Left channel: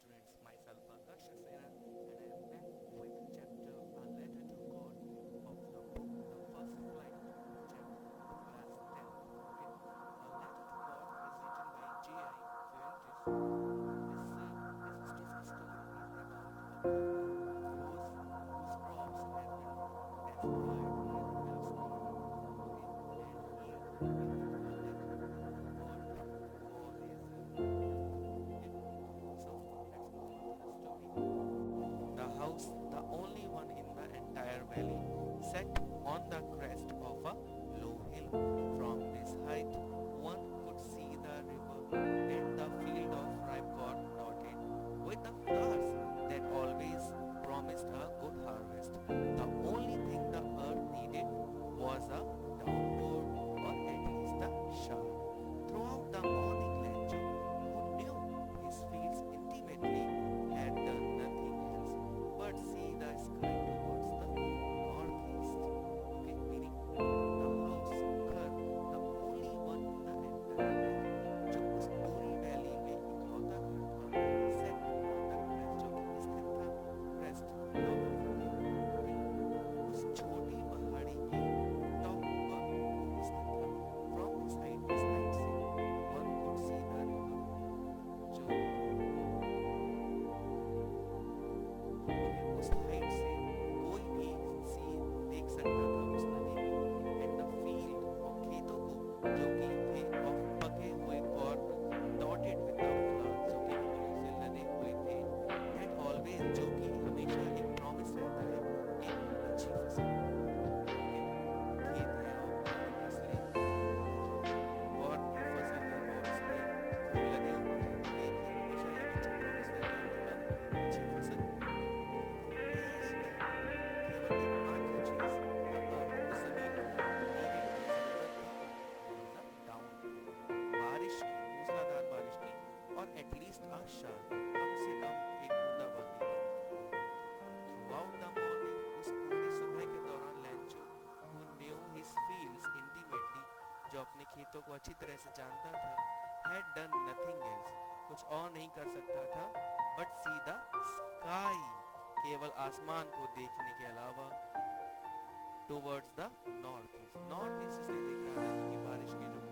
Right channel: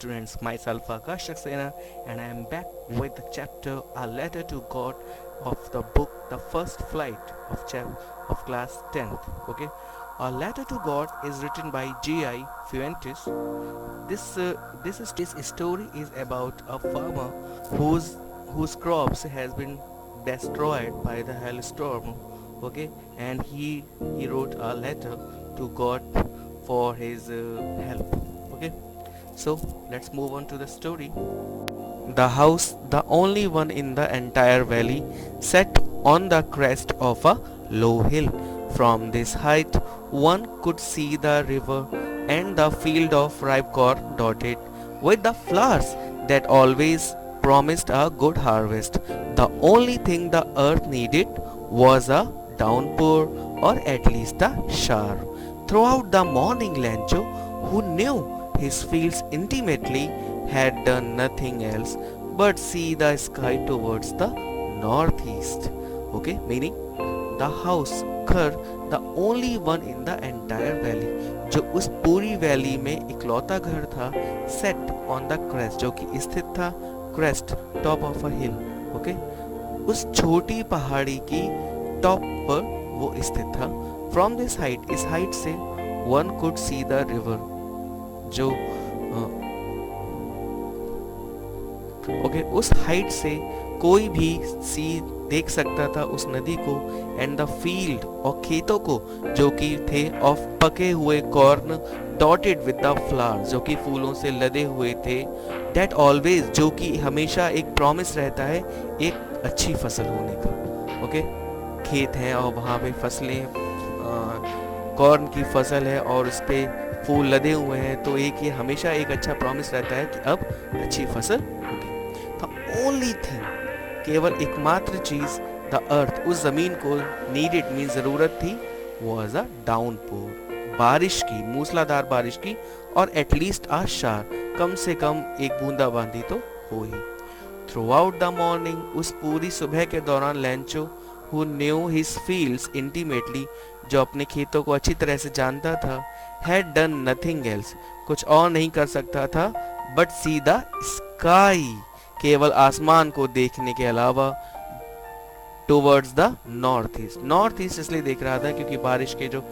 students, myself Akash Saxena, and I am back with the chapter A Letter to God of the book The First Flight of class 10th. Okay, A Letter to God is written by G.I. Fuentes. This story is about a farmer whose whose crops has been destroyed by the hailstorm. Okay, and he wrote a letter to God for his help. Okay, so let's move on to the story. The house, the only one in the entire valley, sat on the crest of a low hill. From this height, one could see the river and the field of ripe corn dotted with the flowers that always promised a good harvest. The only thing the earth needed was a downpour, or at least a shower. Throughout the morning, Lancho, who knew his fields intimately, had done nothing else but see the sky towards the northeast. Okay, meaning the house, घर, the only one in the entire valley, जो उस पूरी valley में इकलौता घर था, set on the crest, जो कि स्थित था crest, top of a hill. Okay, उस छोटी पहाड़ी की टॉप पर वो स्थित था. From this height, इस हाइट से one could see the river, जो ओके उस हाइट से कोई भी सी देख सकता था उस नदी को, एंड द फील्ड और खेतों को जो कि थे ऑफ पके हुए corn dotted with the flowers, जो कि फूलों से लदे हुए थे, दैट ऑलवेज, जो कि हमेशा एक प्रॉमिस रहता है एक अच्छी फसल होने का. ओके, खेत है और वहाँ पे फसलें, कॉर्न की फसल है और उस पे फूल लदे हुए हैं, तो एक ये हमेशा एक अच्छा प्रॉमिस रहता है कि अब अच्छी फसल होगी. द ओनली थिंग, केवल एकमात्र चीज, द अर्थ, उस जमीन को नीडेड मीन जरूरत थी, वाज अ डाउनपोर, बारिश की, मूसलाधार बारिश की, और एटलीस्ट आ शार, कम से कम एक बूंदाबांदी तो हो ही. थ्रू आउट द मॉर्निंग, उस पूरी सुबह के दौरान, लैंचो, who knew his fields intimately, जो अपने खेतों को अच्छी तरह से जानता था, हैड डन नथिंग एल्स, कुछ और नहीं कर सकता था, बट सी द स्काई, केवल आसमान को देखने के अलावा, towards the north east. North east इसलिए देख रहा था क्योंकि बारिश के जो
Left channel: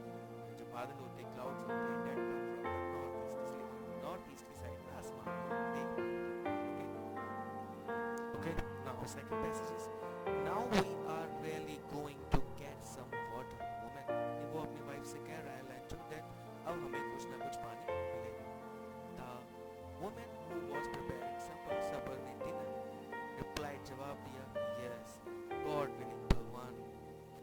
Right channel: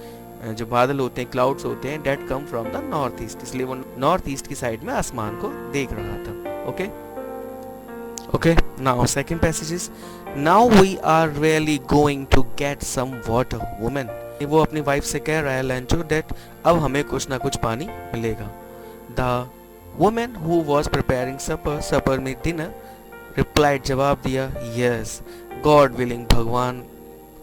बादल होते हैं, क्लाउड्स होते हैं, that come from the north east, इसलिए वो नॉर्थ ईस्ट की साइड में आसमान को देख रहा था. Okay okay, now second passage is, now we are really going to get some water women. वो अपनी वाइफ से कह रहा है लैंचो, दैट अब हमें कुछ ना कुछ पानी मिलेगा. The women who was preparing supper, supper में डिनर, रिप्लाइड, जवाब दिया, यस, गॉड विलिंग, भगवान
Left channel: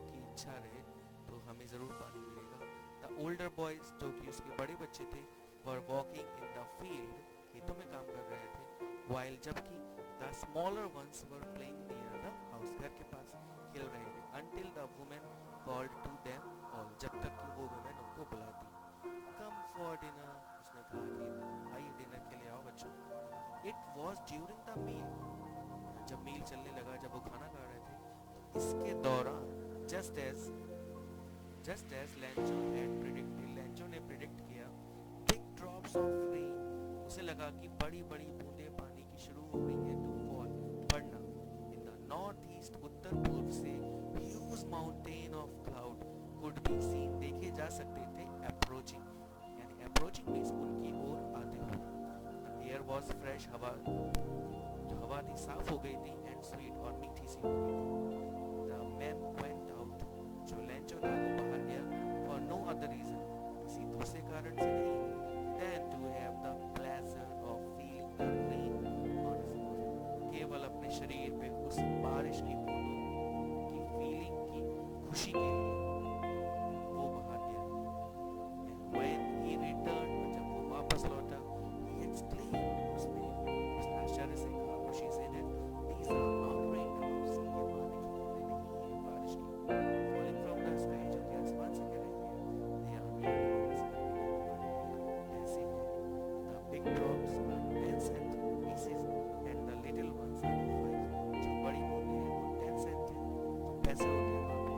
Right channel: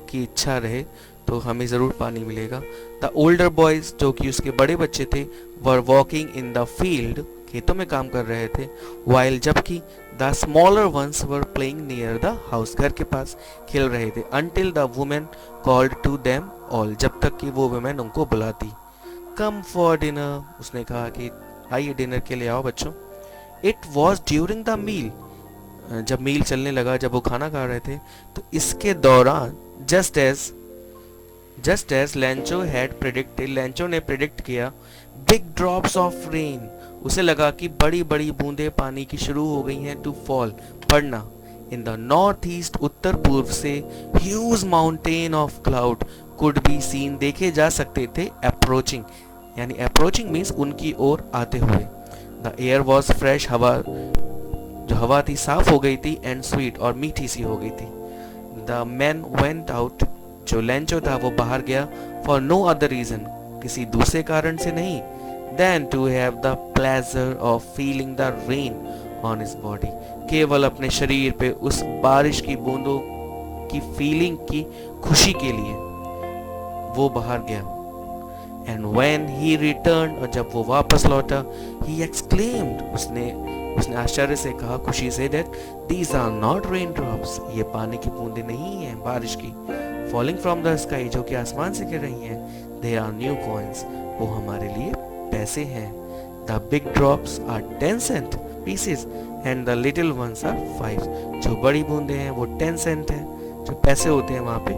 की इच्छा रहे तो हमें ज़रूर पानी मिलेगा. द ओल्डर बॉयज, जो कि उसके बड़े बच्चे थे, were walking in the field, खेतों में काम कर रहे थे, वाइल, जबकि the smaller ones were playing near the house, घर के पास खेल रहे थे, until the women called to them all, जब तक कि वो वुमेन उनको बुलाती. कम फॉर डिनर, उसने कहा कि आइए डिनर के लिए आओ बच्चों. It was during the meal, जब मील चलने लगा, जब वो खाना खा रहे थे, तो इसके दौरान, just as Lencho had predicted, Lencho ने प्रेडिक्ट किया, बिग ड्रॉप्स ऑफ रेन, उसे लगा कि बड़ी बड़ी बूंदें पानी की शुरू हो गई हैं, टू फॉल, पड़ना. इन द नॉर्थ ईस्ट, उत्तर पूर्व से, huge mountain of cloud could be seen, देखे जा सकते थे, अप्रोचिंग, यानी अप्रोचिंग मीन्स उनकी ओर आते हुए. द एयर वॉज फ्रेश, हवा, जो हवा थी साफ हो गई थी, एंड स्वीट, और मीठी सी हो गई थी. द मैन वेंट आउट, जो लैंचो था वो बाहर गया, फॉर नो अदर रीजन, किसी दूसरे कारण से नहीं, then to have the pleasure of feeling the rain on his body, केवल अपने शरीर पे उस बारिश की बूंदों की फीलिंग की खुशी के लिए वो बाहर गया. एंड व्हेन ही रिटर्न, और जब वो वापस लौटा, ही एक्सक्लेम्ड, उसने आश्चर्य से कहा, खुशी से, that these are not rain drops, ये पानी की बूंदें नहीं हैं बारिश की, फॉलिंग फ्रॉम द स्काई, जो कि आसमान से गिर रही हैं, दे आर न्यू कॉइंस, वो हमारे लिए पैसे हैं. The big drops are 10 cent pieces and the little ones are 5, जो बड़ी बूंदें हैं वो 10 सेंट हैं, जो पैसे होते हैं वहाँ पे,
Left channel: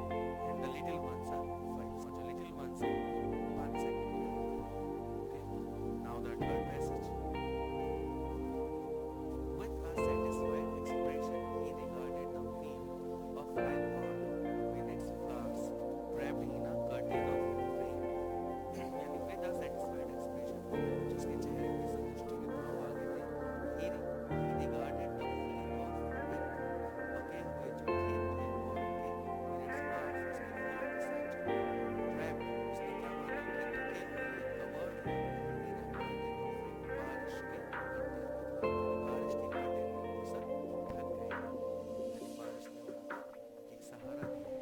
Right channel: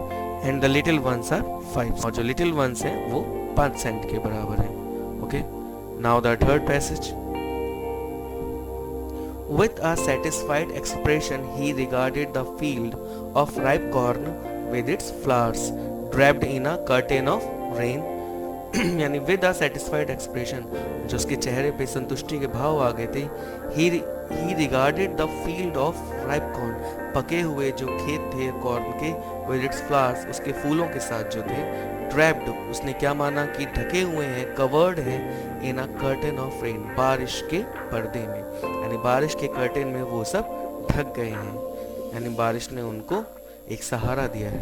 and the little ones are 5, और जो लिटिल वंस हैं वो 5 सेंट के बराबर है. Okay, now the third passage, With a satisfied expression, he regarded the field of ripe corn with its flowers draped in a curtain of rain. यानी with a satisfied expression, जो उसके चेहरे पे संतुष्टि के भाव आ गए थे. ही regarded the field of ripe corn, पके हुए जो खेत थे कॉर्न के, विद इट्स फ्लावर्स, उसके फूलों के साथ जो थे. ड्रैप्ड, उसने क्या माना कि ढके हुए हैं, कवर्ड है, इन अ कर्टन ऑफ रेन, बारिश के पर्दे में, यानी बारिश के कर्टन में वो सब ढक गए हैं, यानी बारिश ने उनको एक सहारा दिया है.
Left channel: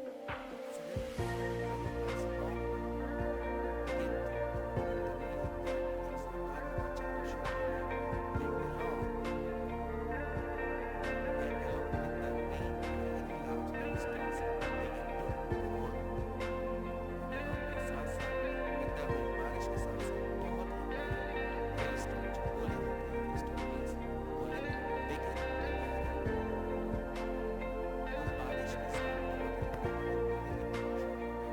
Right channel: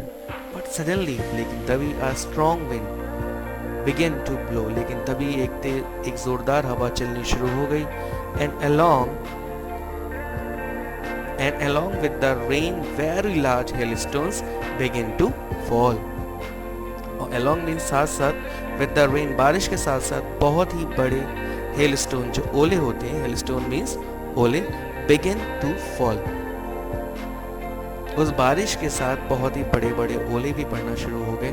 बट सडनली, लेकिन तभी a strong wind began to blow, लेकिन तभी एक जोरदार हवा चलनी शुरू हो गई. And along with the rain very large hailstones began to fall. और along means साथ साथ, with the rain बारिश के साथ साथ बहुत ही बड़े hailstone, जो ओले होते हैं, hailstone means ओले, began to fall. उस बारिश के साथ बहुत ही बड़े बड़े ओले भी पड़ना शुरू हो गए.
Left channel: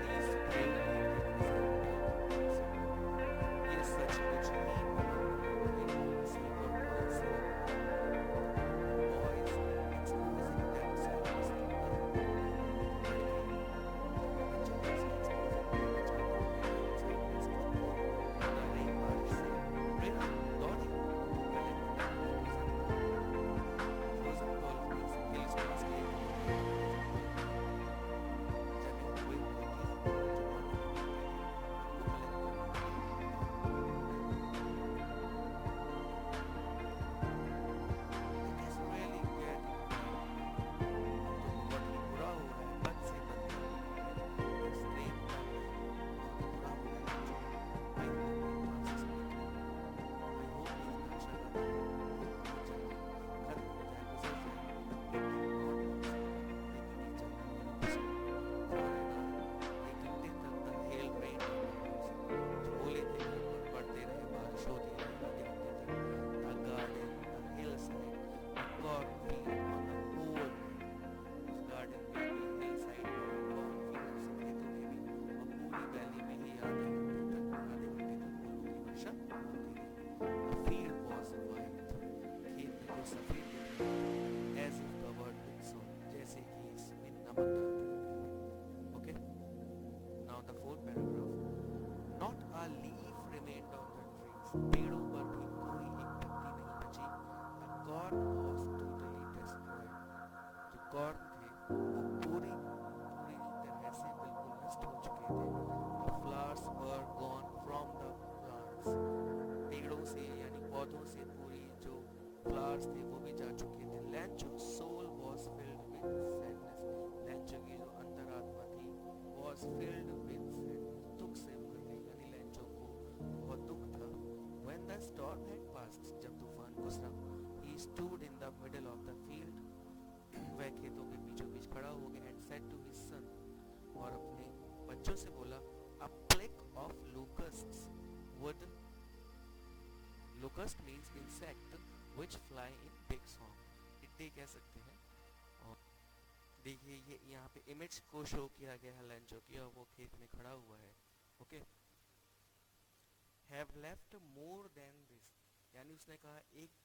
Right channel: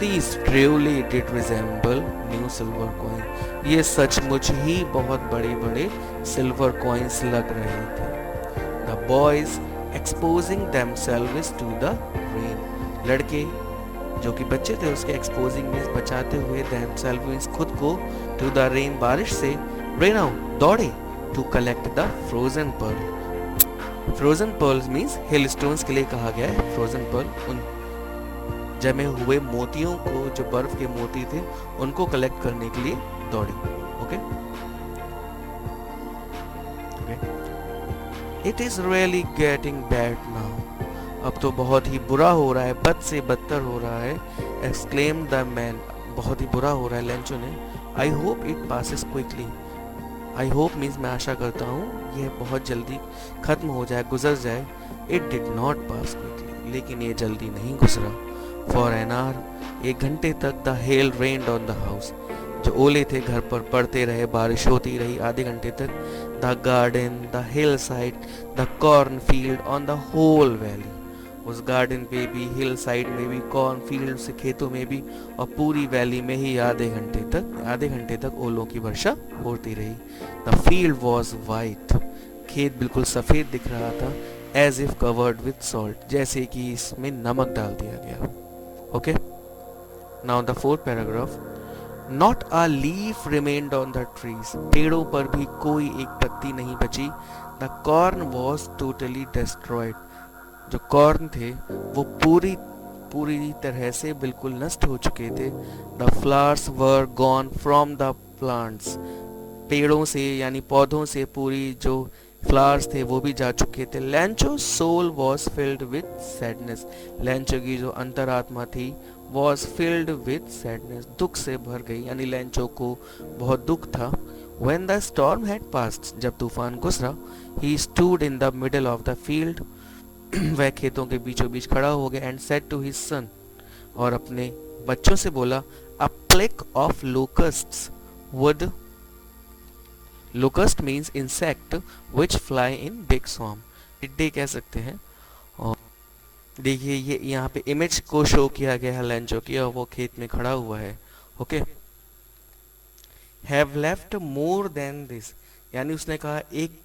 These truly did resemble new silver coin. ये सचमुच ही बहुत बड़े बड़े सिल्वर कॉइन्स लग रहे थे. The boys exposing themselves to the rain. लड़के जो कि बच्चे थे, उसके exposing मीन्स बचाते हुए, themselves मीन्स खुद को, to the rain बारिश से, ran out दौड़े, to collect the frozen pearl. Frozen pearls means hailstones के लिए कहा गया है. फ्रोजन पर्ल उन जमे हुए मोतियों को, जो बर्फ के मोती थे, उनको कलेक्ट करने के लिए दौड़ी. Okay, it is really getting bad now. अब तो बहुत ही बुरा हो रहा है, बद से बदतर हो रहा है. एक्सक्लेम द मैन, बहुत ही बुरा हो रहा है, लेंचो ने. I hope it passes quickly. I hope means मैं आशा करता हूँ यह बहुत जल्दी खत्म हो जाए, गुजर जाए. It did not pass quickly, लेकिन ये जल्दी नहीं गुजरा. फॉर एन आवर, एक घंटे तक, the hell rained on the house, जो ओले थे घर पर पड़ते रहे, बारिश होती रही आधे घंटे तक. The garden, the hill side, the corn field, on the whole valley, उस गार्डन पे भी, हिल साइड में भी, कॉर्न फील्ड से खेतों में भी, और पूरी वैली में ही आधे घंटे तक ओलों की वर्षा होती रही. द फील्ड वॉज वाइट, खेत बिल्कुल सफेद दिख रहा था. As if covered with salt, जैसे कि इसमें नमक डाल दिया गया. Okay, now the fourth paragraph. Not a leaf remained on the trees, पेड़ों पर भी कोई एक पत्ती नहीं बची. The corn was totally destroyed, जो कॉर्न थे वो पूरी तरह से बिल्कुल नष्ट हो चुके थे. The flowers were gone from the plants, पेड़ों से यानी पौधों से पूरी जो फ्लावर्स थे वो भी जा चुके थे. Lencho soul was filled with sadness, Lencho की जो अंतरात्मा थी वॉज फिल्ड विथ सैडनेस, दुख से भर गई, यानी लैंचो को बहुत दुख था. When the storm had passed, जब तूफान गुजरा, he stood in the middle of the field, वह खेतों के बीचों बीच खड़ा हो गया. And said to his son, और अपने बच्चों से बोला, a plague of locusts would, locust means insect which fly in big swarm, टिड्डे कह सकते हैं. और देखिए ये यहाँ पे इमेज को शो किया गया है लैंचो की, और वो खेत में खड़ा हुआ है. Okay, have left more than this, यानी उसने कहा एक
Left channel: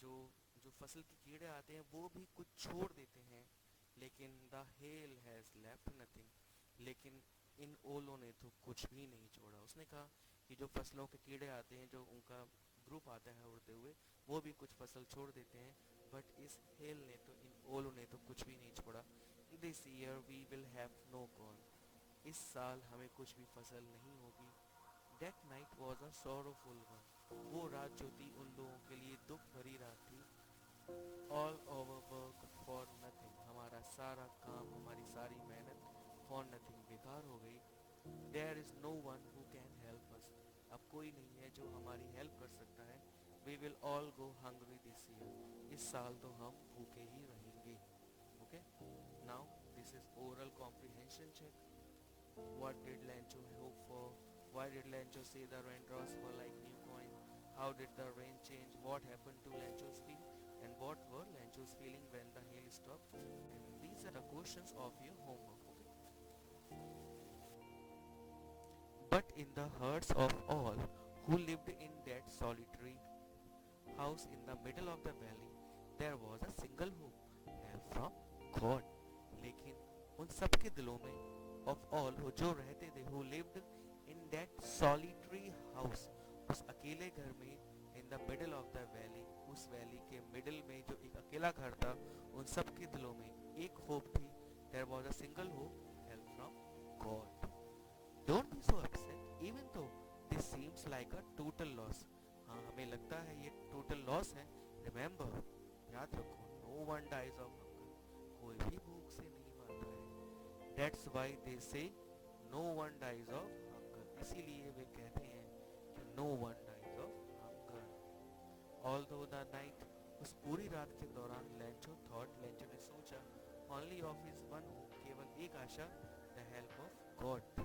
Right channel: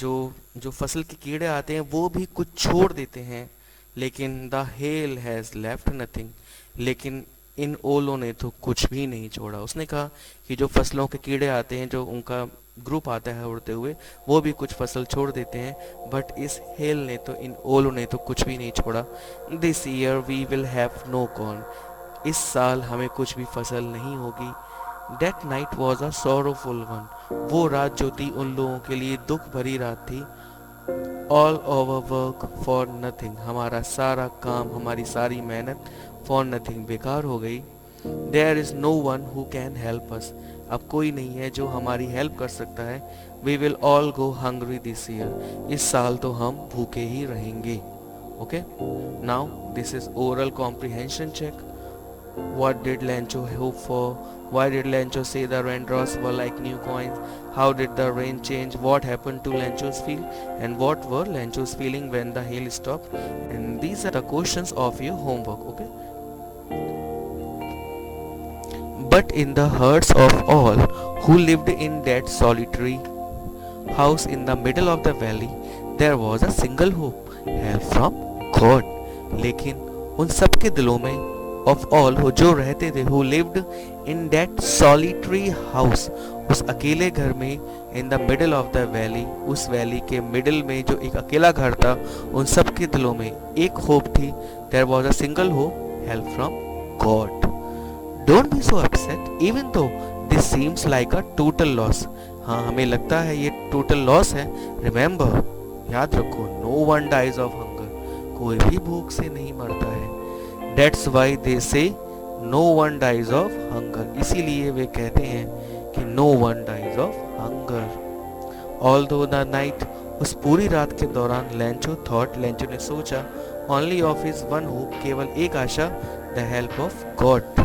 जो फसल के कीड़े आते हैं वो भी कुछ छोड़ देते हैं, लेकिन the hell has left nothing, लेकिन इन ओलों ने तो कुछ भी नहीं छोड़ा. उसने कहा कि जो फसलों के कीड़े आते हैं, जो उनका ग्रुप आता है उड़ते हुए, वो भी कुछ फसल छोड़ देते हैं, बट इस हेल ने तो, इन ओलों ने तो कुछ भी नहीं छोड़ा. This year we will have no corn, इस साल हमें कुछ भी फसल नहीं होगी. That night was a sorrowful one, वो रात जो थी उन लोगों के लिए दुख भरी रात थी. All our work for nothing, हमारा सारा काम, हमारी सारी मेहनत for nothing, बेकार हो गई. There is no one who can help us, अब कोई नहीं है जो हमारी हेल्प कर सकता है. We will all go hungry this year, इस साल तो हम भूखे ही रहेंगे. Okay, now this is oral comprehension check. What did Lancho hope for? Why did Lancho say the raindrops were like new coins? How did the rain change? What happened to Lancho's field? And what were Lancho's feeling when the hail stopped? And these are the questions of your homework, okay? But in the hearts of all who lived in that solitary house in the middle of the valley, there was a single hope, help from God. लेकिन उन सब के दिलों में of all who जो रहते थे, who lived in that solitary house, उस अकेले घर में, in the middle of the valley, उस वैली के मिडिल में जो एक अकेला घर था, उन सब के दिलों में एक होप थी, there was a single hope, help from God. Don't be so upset, even though this seems like a total loss. हाँ, हमें लगता है ये टोटल लॉस है. रिमेंबर, याद रखो, no one dies of hunger, कोई भी भूख से नहीं मरता है. That's why they say no one dies of hunger, इसीलिए वे कहते हैं कि no one dies of hunger. All through the night, उस पूरी रात के दौरान लेंचो थॉट, लेंचो ने सोचा, only of his one hope, केवल एक आशा, the help of God,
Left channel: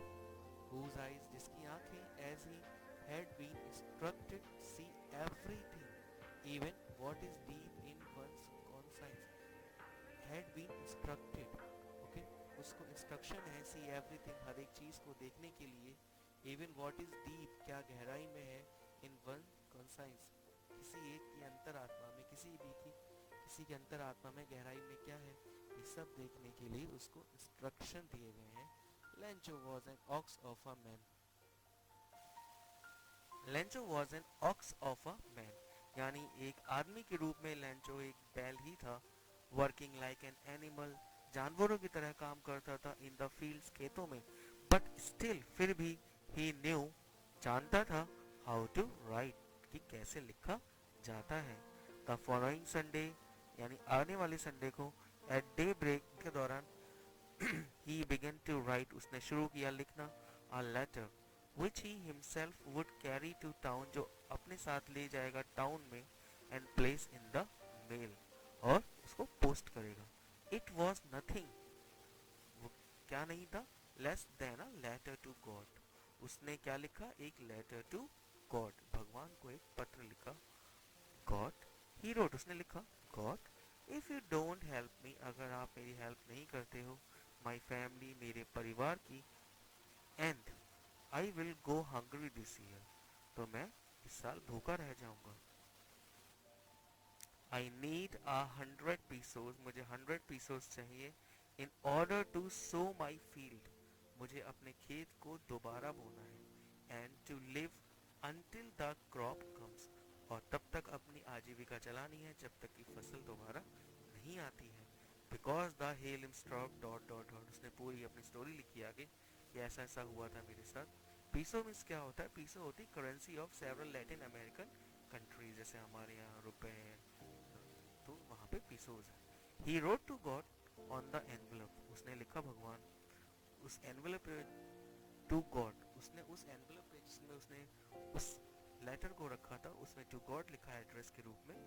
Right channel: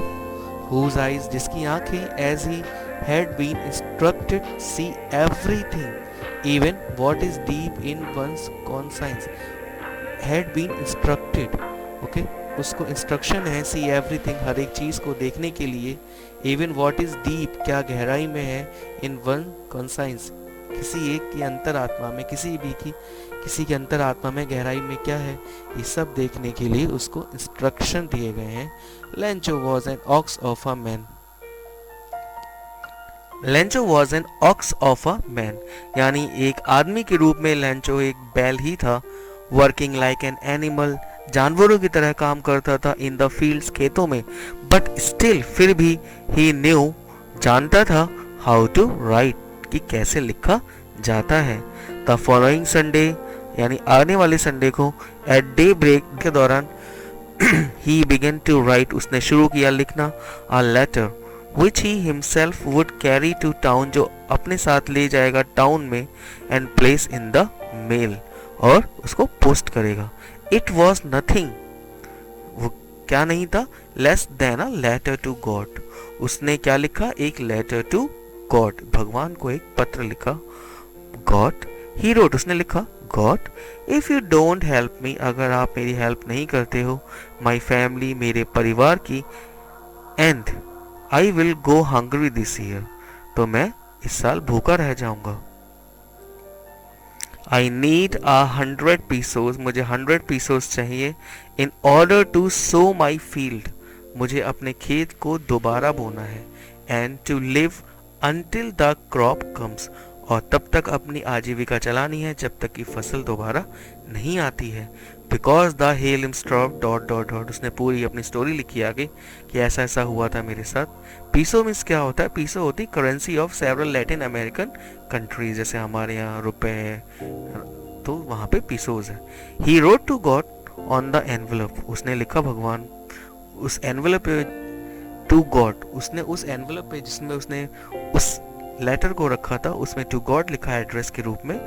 whose eyes, जिसकी आंखें, as he had been instructed, see everything, even what is deep in one's conscience. had been instructed, okay, उसको instruction है see everything, हर एक चीज को देखने के लिए, even what is deep, क्या गहराई में है, in one conscience, किसी एक की अंतरात्मा में, किसी के अंतरात्मा में गहराई में क्या है, ये सब देखने के लिए उसको इंस्ट्रक्शन दिए गए हैं. Lencho was an ox of a man. Lencho was an ox of a man, यानी एक आदमी के रूप में लेंचो एक बैल ही था. वर्किंग लाइक एन एनिमल, जानवरों की तरह काम करता था. इन द फील्ड्स, खेतों में. बट स्टिल, फिर भी, ही न्यू, जानता था, हाउ टू राइट, कि कैसे लिखा जाता है. द फॉलोइंग संडे, यानी आने वाले संडे को, एट डे ब्रेक के दौरान, he began to write, उसने शुरू किया लिखना, a letter which he himself would carry to town, जो अपने साथ ले जाएगा टाउन में, and place in the mail, और उसको पोस्ट करेगा. It was nothing, वो क्या नहीं था, less than a letter to God. उसने क्या लिखा, एक letter to God, भगवान को एक पत्र लिखा. God, he wrote, उसने लिखा, God, if you don't help me, अगर आप मेरी हेल्प नहीं करते हो, my family, मेरे परिवार की, and I will go hungry this year, तो मैं इस साल भूखा रह जाऊंगा. I need 100 pesos, मुझे 100 pesos चाहिए, in order to sow my field, मुझे अपने खेत को दोबारा बोना है, and to live until the crop comes, और तब तक अपनी आजीविका चलानी है जब तक कि फसल दोबारा नहीं आती है. Because the hell stop dot dot dot, उसने पूरी अपनी स्टोरी लिखी आगे कि ऐसा ऐसा हुआ था मेरे साथ. पीसो मीन्स क्या होता है, पीसो होती currency of several Latin American countries, जैसे हमारे यहाँ रुपए है तो वहाँ पे पीसोज है. He wrote to God on the envelope, उसने लिखा भगवान उस एनवेलप पे, टू गॉड, उसने उस एनवेलप पे जिसमें उसने उस लेटर को रखा था उसमें टू गॉड लिखा है एड्रेस के रूप में.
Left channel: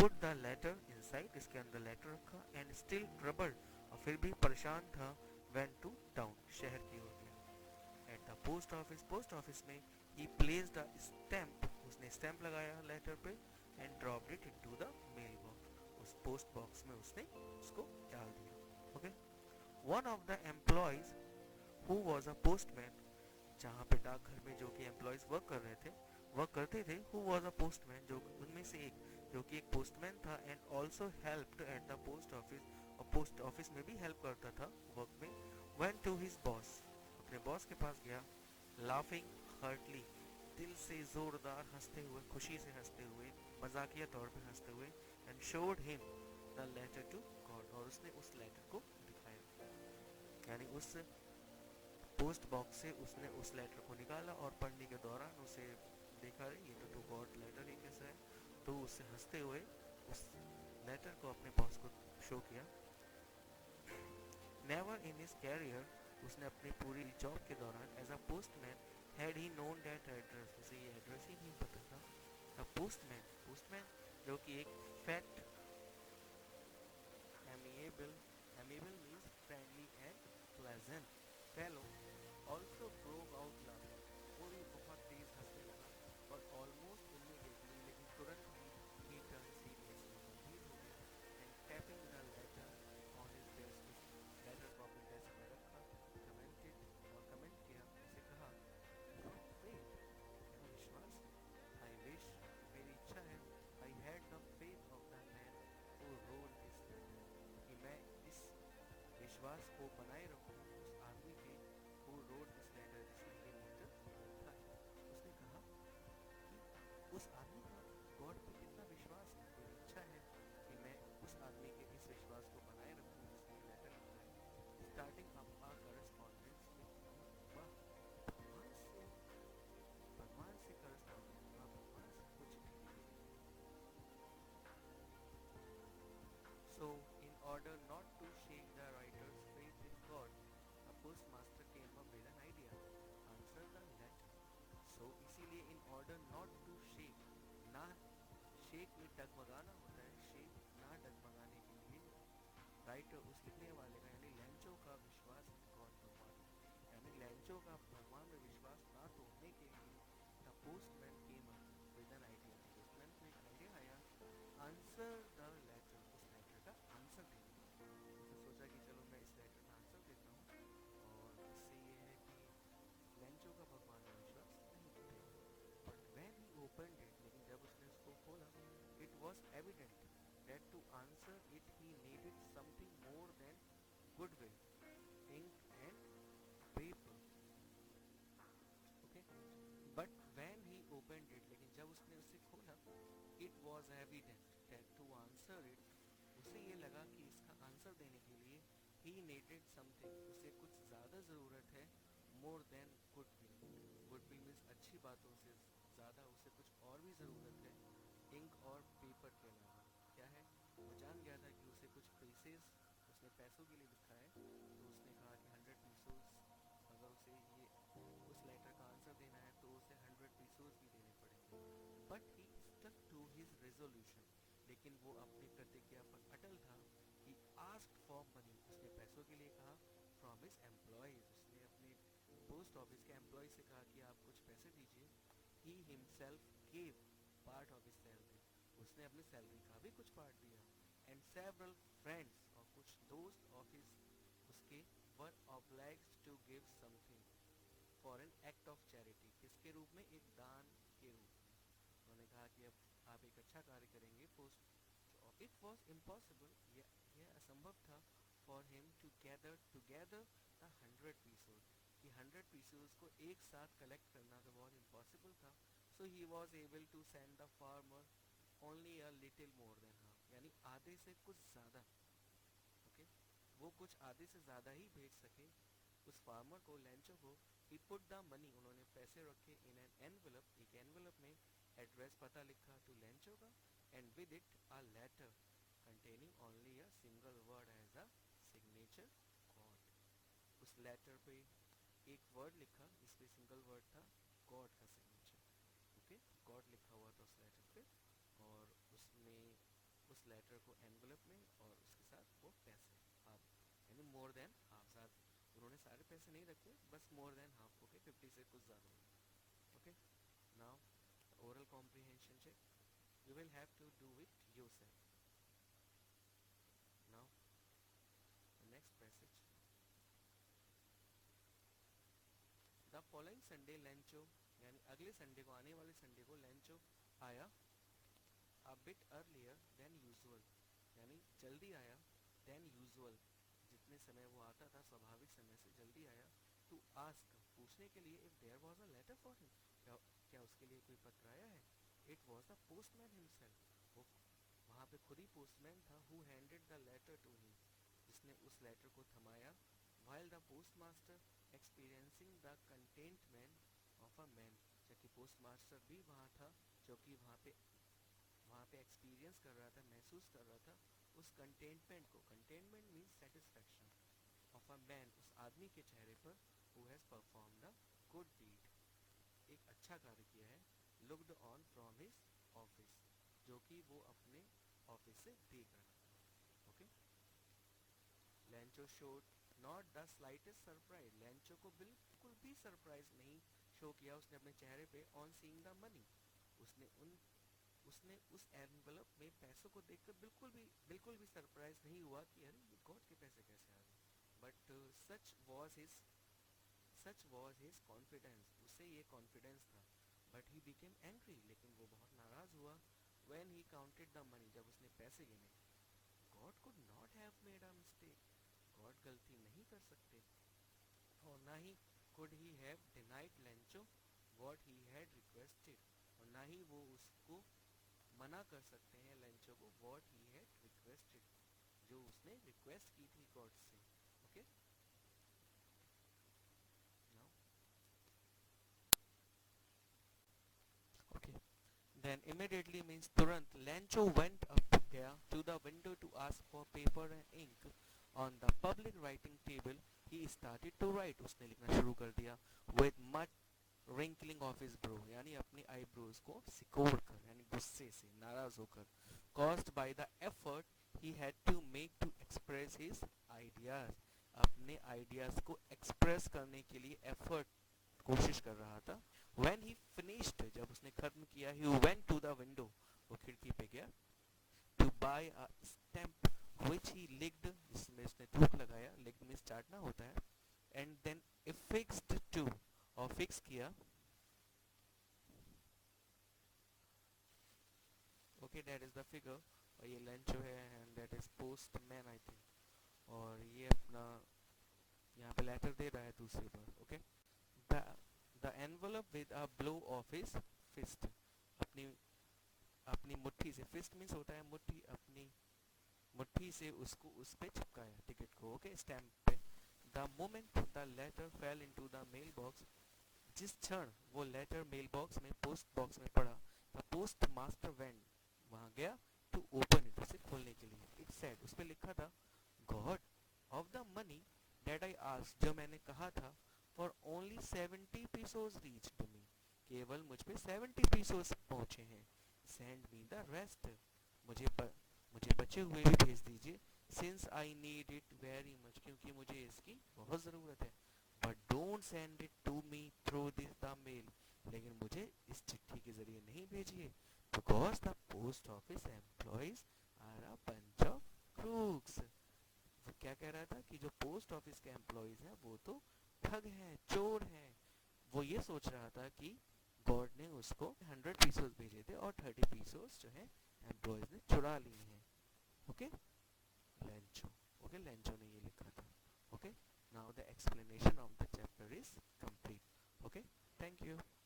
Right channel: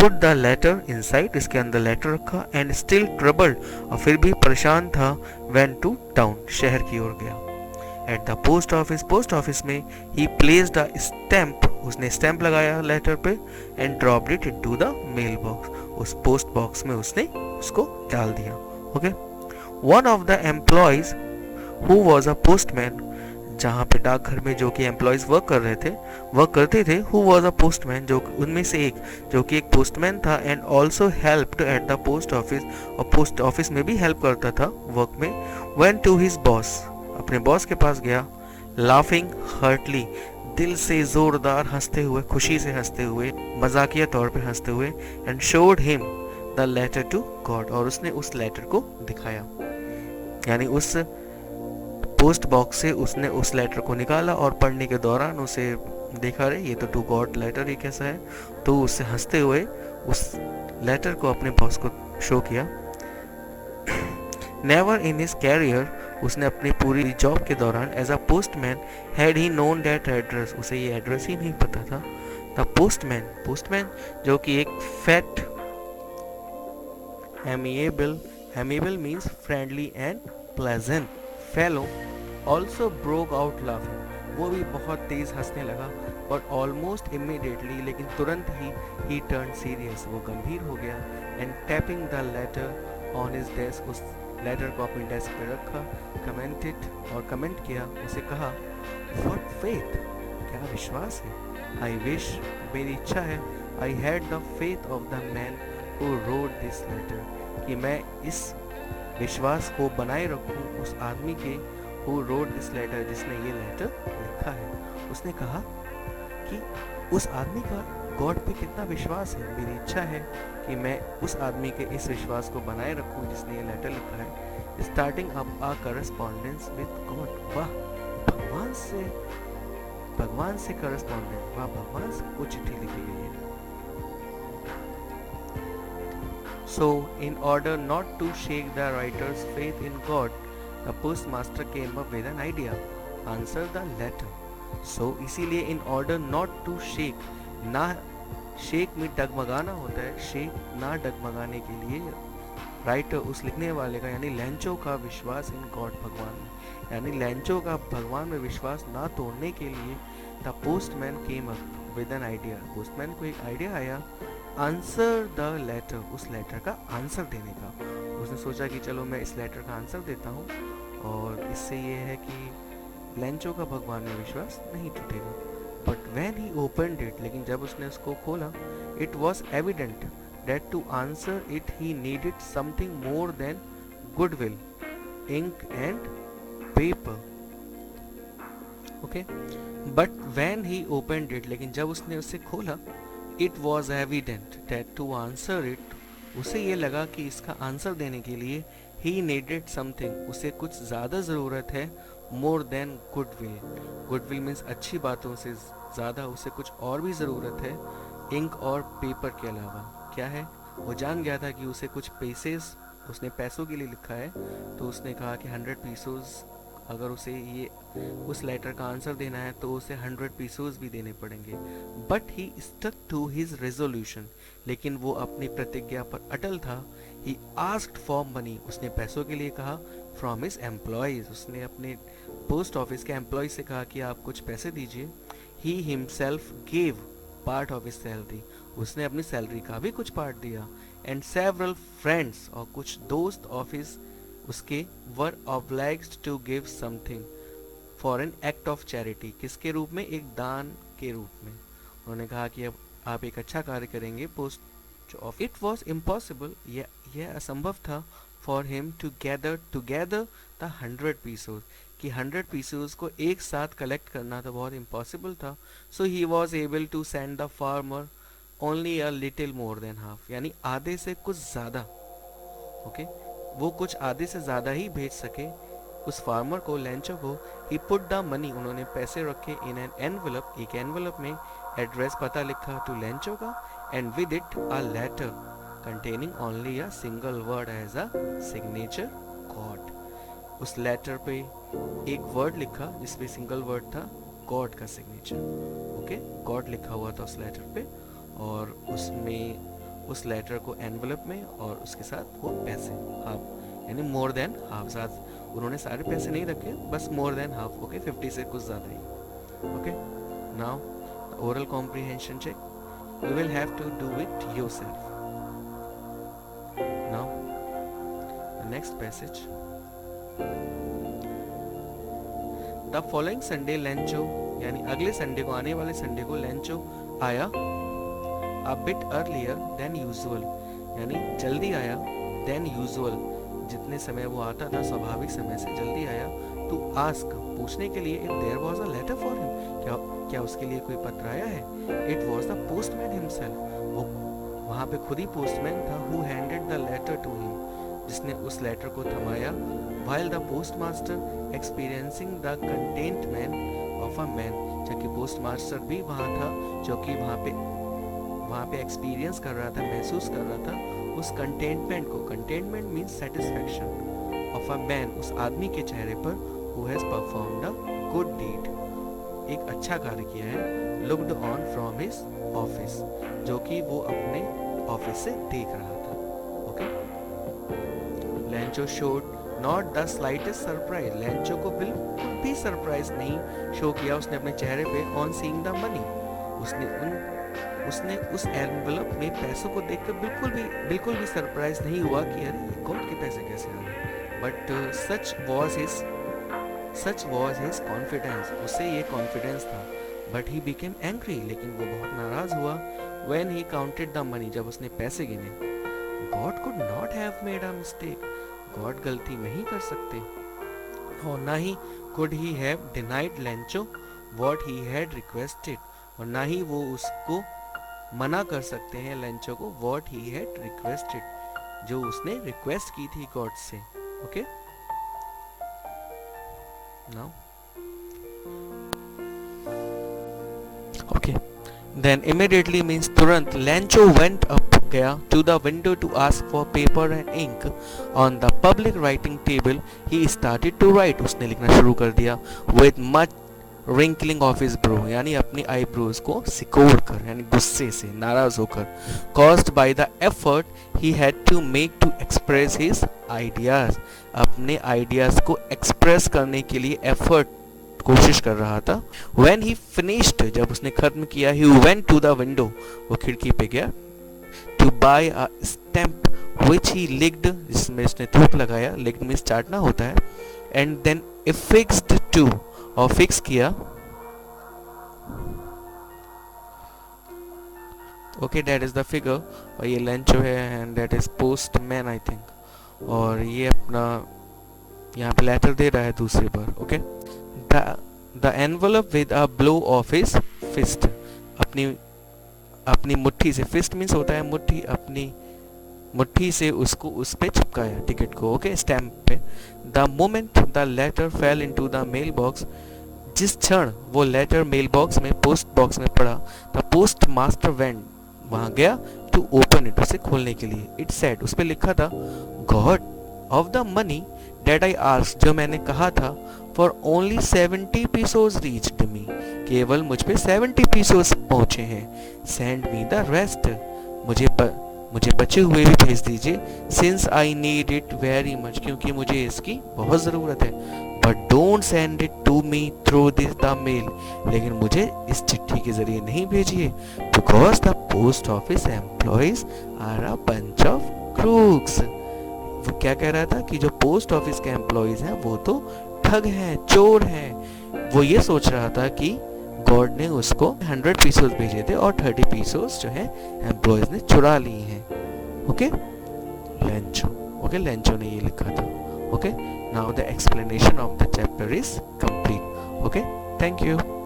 पुट द लेटर इनसाइड, इसके अंदर लेटर रखा. एंड स्टिल ट्रबल्ड, और फिर भी परेशान था. वेंट टू टाउन, शहर की ओर गया. At the post office, post office में, ही प्लेस्ड अ स्टैम्प, उसने स्टैम्प लगाया लेटर पे. And dropped it into the mail box, उस पोस्ट बॉक्स में उसने उसको डाल दिया. Okay. One of the employees who was a postman, जहाँ पे डाकघर में जो कि एम्प्लॉयज वर्क करते थे, हु वाज अ पोस्टमैन, जो उनमें से एक जो कि एक पोस्टमैन था. And also helped eight the post office, और पोस्ट ऑफिस में भी हेल्प करता था वर्क में. वेंट टू हिज बॉस, अपने बॉस के पास गया. लाफिंग हर्टली, दिल से जोरदार हंसते हुए, खुशी से हंसते हुए, मजाकिया तौर पे हंसते हुए. And showed him the letter to God, और उसने उस लेटर को दिखाया, यानी उस पोस्ट बॉक्स से उसने उस लेटर को निकाला और पढ़ने के दौरान उसे देखा, रे ये तो टू गॉड लेटर, ये कैसा है. तो उससे हंसते हुए उस लेटर को अपने बॉस को शो किया. नेवर इन हिज कैरियर, उसने अपनी पूरी जॉब के दौरान as a postman had he known that address, उसे ये एड्रेस ही नहीं पता था. द पोस्टमैन, पोस्टमैन जो कि एक fat, amiable means friendly and pleasant fellow, also broke out laughing, वो भी बहुत तेज हंसने लगा. बट ऑलमोस्ट इमीडिएटली, लेकिन तुरंत ही टर्न सीरियस, वो गंभीर हो गया. And tapping the later on his desk, उस लेटर को अपने डेस्क पे रखा. कमेंटेड, और कमेंट किया, उसे कहा, व्हाट फेथ, क्या विश्वास है. आई विश, मेरी इच्छा है, I had the faith of the man who wrote this letter, कि मैं इस विश्वास को बनाए रखूं उस आदमी के हु रोड दिस लेटर, जिसने ये लेटर लिखा है। उसने कहा कि उस आदमी का गॉड पे कितना विश्वास है। मेरी इच्छा है कि मैं उस आदमी के इस विश्वास को बनाए रखूं जिसने ये लेटर लिखा है। Starting up a correspondence with God, वाह भगवान से करस्पॉन्डेंस, वाह भगवान से वो चिट्ठी लिखी गई है। So, in order not to shake the writer's faith in God, the postmaster came up with an idea. Answer the letter. So, इसीलिए in order not to shake, ना शेक में डगमगाना होता है, शेक ना डगमगाने के लिए राइटर उस लिखने वाले का यानी लेंचो का विश्वास इन गॉड भगवान में, यानी लेंचो का भगवान में विश्वास ना तोड़ने के लिए the postman came up with an idea, postman को एक आइडिया आया। आंसर द लेटर, उस लेटर का आंसर देने का। उसने सोचा कि चलो मैं इस लेटर का आंसर देता हूँ और इससे ये है कि लेंचो का भगवान में विश्वास नहीं टूटेगा। But when he opened it, लेकिन जब उसने उसको खोला, it was evident that to answer it he needed something more than goodwill, ink and paper. Okay, but when he opened it, लेकिन जब उसने उसे खोला, it was evident that to answer it, उसे ये लगा कि इसका आंसर देने के लिए he needed something, उसे कुछ ज़्यादा ज़रूरत है, more than goodwill. goodwill means अच्छी बातों से ज़्यादा उसे कुछ और भी ज़रूरत है, इंक और पेपर के अलावा। क्या है? वो जान गया था कि उसे कुछ पैसेस, उसने पैसों के लिए लिखा है, तो उसने कहा कि 100 पीसोस, अगर उसे ये उस लेटर का आंसर देना है तो उसे 100 पीसोस भी देने पड़ेंगे। But he stuck to his resolution, लेकिन वो अपनी प्रतिज्ञा पर अटल था। ही आस्क्ड फॉर मनी, उसने पैसों के लिए कहा। फ्रॉम हिज एम्प्लॉयज, उसने अपने पोस्ट ऑफिस के एम्प्लॉय से कहा कि आप कुछ पैसे दीजिए। He himself gave part of his salary, उसने अपनी सैलरी का भी कुछ पार्ट दिया। एंड सेवरल फ्रेंड्स, और कुछ दोस्त ऑफ हिज उसके were obliged to give something for an act of charity, किसके रूप में? एक दान के रूप में। उन्होंने कहा कि अब आप एक अच्छा कार्य करेंगे post off. It was impossible, यह असंभव था for him to gather together the 100 pesos, कि 100 पीसोस को एक साथ कलेक्ट करना तो बहुत इम्पॉसिबल था। So he was able to send the farmer only a little more than half, यानी आधे से कुछ ज़्यादा। ओके, वो कुछ आधे से ज़्यादा ही भेज सके उस फार्मर को, लेंचो को। ही पुट द मनी, उन्होंने पैसे रखे इन एन एनवलप, एक एनवलप में, एड्रेस पता लिखा टू लेंचो का, and with it a letter containing only a single word as a signature, God. उस लेटर पे एक वर्ड लिखा जिसपे सिंगल वर्ड था, गॉड का सिग्नेचर। ओके, गॉड लिखा हुआ था उस लेटर पे, और उसमें उस लेटर को एनवलप में, और उसके साथ वो पैसे हाफ, यानी मोर देन हाफ, साथ उन्होंने सारे पैसे नहीं रखे, बस मोर देन हाफ। ओके, 50 से कुछ ज़्यादा ही। Okay, now oral comprehension check, you will have to do it yourself. Now next passage. The following Sunday Lencho, यानी अगले संडे को, आने वाले संडे को लेंचो आया a bit earlier than usual, यानी जल्दी आया than usual, जितने समय वो आता था स्वाभाविक समय से जल्दी आया। to ask, पूछने के लिए if there was a letter for him, क्या उसके लिए कोई पत्र आया है। it was the postman himself, वो वहाँ पे खुद ही पोस्टमैन था। who handed the letter to him, जिसने उस लेटर को थमाया। while the postmaster experiencing the contentment of a man, जबकि पोस्टमास्टर भी वहाँ था, जो कि वहाँ पे एक्सपीरियंस कर रहा था, महसूस कर रहा था उस कंटेंटमेंट को। Contentment means satisfaction of a man, उस आदमी के चेहरे पर, who has performed a good deed, एक अच्छा कार्य किया है। Looked on from his office, जो कि वो अपने ऑफिस से देख रहा था। Okay, Lencho showed not the slightest surprise, Lencho को बिल्कुल भी सरप्राइज नहीं शो किया उसने अपने चेहरे पे ऑन सीइंग द मनी। उसने उस एनवलप में पैसों को देखकर बिल्कुल भी सरप्राइज नहीं हुआ कि अरे ये गॉड के पैसे कैसे आ गए। But such was his confidence, उसे ये कॉन्फिडेंस था बट ही बिकेम एंग्री, लेकिन वो बहुत नाराज हुआ। When he counted the money, जब उसने पैसे गिने। God could not have made a mistake, God गलती नहीं कर सकते। और ना he could he have denied Lencho what he had requested, और ना ही वो उसको मना कर सकते हैं लेंचो को व्हाट ही हैड रिक्वेस्टेड, जो उसने रिक्वेस्ट की थी गॉड से। Okay now okay then immediately means तुरंत लेंचो वेंट अप, गया to the window to ask for paper and ink on the public writing table he started to write, उसने लिखना शुरू कर दिया। With much wrinkling of his brow, यानी अपनी eyebrows को सिकोड़ कर, यानी गुस्से से, नाराज होकर। Caused by the effort he had to make to express his ideas, अपने आइडियाज को एक्सप्रेस करने के लिए एफर्ट, कोशिश कर रहा था। When he finished, जब उसने खत्म किया, he went to the window, वो खिड़की पे गया, to buy a stamp which he licked, जिसमें उसने थूक लगाया, licked means चाटना होता है, and then affixed to, और फिक्स किया। Okay that is the figure, और ये लेंचो है and that is postman I think, और ये अपना यहाँ पे लेटर दे रहा है दूसरी बार। Okay the envelope with a blow of his fist, अपनी मुट्ठी से, फिस्ट मीन्स होता है मुट्ठी, अपनी मुट्ठी से उसको उस पे चिपकाया टिकट को। ओके स्टैम्प पे। The moment the letter fell into the mail box, जिस क्षण वो लेटर मेल बॉक्स में, पोस्ट बॉक्स में पड़ा, द पोस्ट मास्टर वेंट, वहां गया, टू ओपन इट, उसे खोलने के लिए। इट सेड, उस पे लिखा था, God of the money that I asked, जो मैंने कहा था, फॉर ओनली 70 पीसोस रीच्ड मी, केवल मुझ पे 70 पीसोस पहुंचे हैं। सेंड मी द रेस्ट, मुझे बचे हुए भी भेज दीजिए। Since I need it very much, क्योंकि मुझे इसकी बहुत ज़रूरत है। But don't send it to me through this the mail, लेकिन मुझे इस चिट्ठी के जरिए नहीं भेजिए, because the post office employees are a bunch of crooks. वो क्या कह रहा था कि जो पोस्ट ऑफिस के एम्प्लॉयज हैं वो तो ठग हैं, चोर हैं। वो ये सोच रहा था कि गॉड ने उसको 100 पीसोस भेजे थे और 30 पीसोस जो है एम्प्लॉयज ने चुरा लिए हैं। ओके लेंचो, ओके लेंचो ने ये लिखा था। Okay now the explanation of the chapter is complete. Okay thank you.